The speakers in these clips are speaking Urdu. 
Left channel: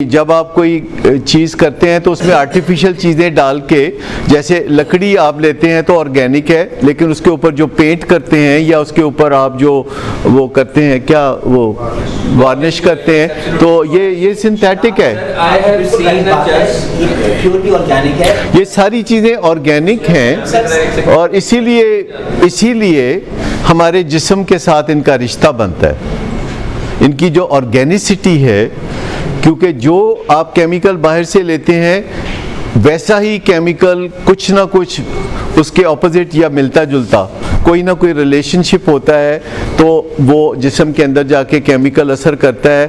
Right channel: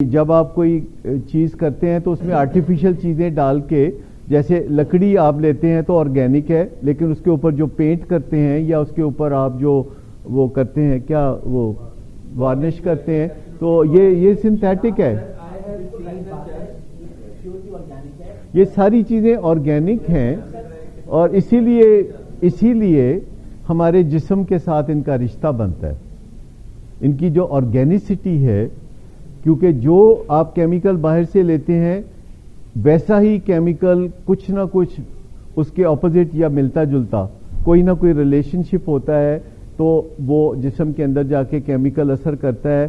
جب آپ کوئی چیز کرتے ہیں تو اس میں آرٹیفیشل چیزیں ڈال کے، جیسے لکڑی آپ لیتے ہیں تو آرگینک ہے، لیکن اس کے اوپر جو پینٹ کرتے ہیں یا اس کے اوپر آپ جو وہ کرتے ہیں، کیا وہ وارنش کرتے ہیں، تو یہ سنتھیٹک ہے۔ یہ ساری چیزیں آرگینک ہیں، اور اسی لیے ہمارے جسم کے ساتھ ان کا رشتہ بنتا ہے، ان کی جو آرگینسٹی ہے، کیونکہ جو آپ کیمیکل باہر سے لیتے ہیں ویسا ہی کیمیکل کچھ نہ کچھ اس کے اپوزٹ یا ملتا جلتا کوئی نہ کوئی ریلیشن شپ ہوتا ہے، تو وہ جسم کے اندر جا کے کیمیکل اثر کرتا ہے۔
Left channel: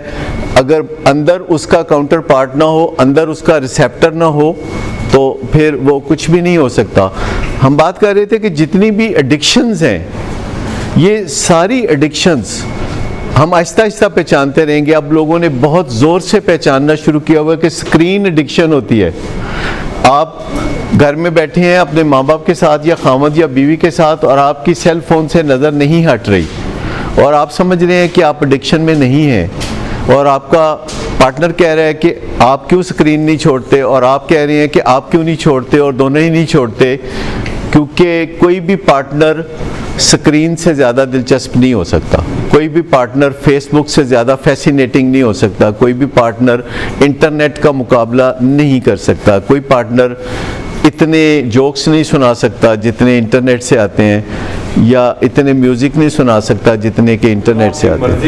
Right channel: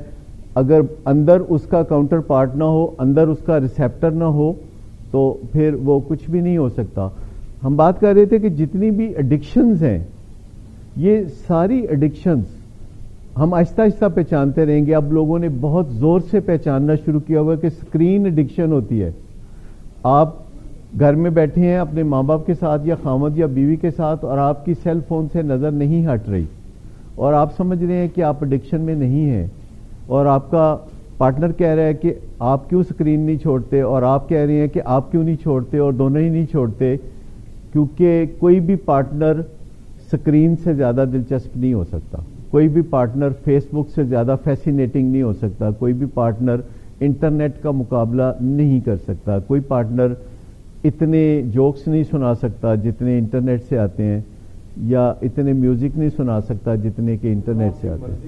اگر اندر اس کا کاؤنٹر پارٹ نہ ہو، اندر اس کا ریسیپٹر نہ ہو، تو پھر وہ کچھ بھی نہیں ہو سکتا۔ ہم بات کر رہے تھے کہ جتنی بھی ایڈکشنز ہیں، یہ ساری ایڈکشنز ہم آہستہ آہستہ پہچانتے رہیں گے۔ اب لوگوں نے بہت زور سے پہچاننا شروع کیا ہوا کہ سکرین ایڈکشن ہوتی ہے۔ آپ گھر میں بیٹھے ہیں اپنے ماں باپ کے ساتھ یا خامد یا بیوی کے ساتھ، اور آپ کی سیل فون سے نظر نہیں ہٹ رہی، اور آپ سمجھ رہے ہیں کہ آپ ایڈکشن میں نہیں ہیں، اور آپ کا پارٹنر کہہ رہا ہے کہ آپ کیوں سکرین نہیں چھوڑتے، اور آپ کہہ رہے ہیں کہ آپ کیوں نہیں چھوڑتے، اور دونوں ہی نہیں چھوڑتے، کیونکہ کوئی بھی پارٹنر سکرین سے زیادہ دلچسپ نہیں ہو سکتا، کوئی بھی پارٹنر فیس بک سے زیادہ فیسینیٹنگ نہیں ہو سکتا، کوئی بھی پارٹنر انٹرنیٹ کا مقابلہ نہیں کر سکتا، کوئی پارٹنر اتنے جوکس نہیں سنا سکتا جتنے انٹرنیٹ سے آتے ہیں، یا اتنے میوزک نہیں سنا سکتا جتنے کہ انٹرنیٹ سے آتے ہیں۔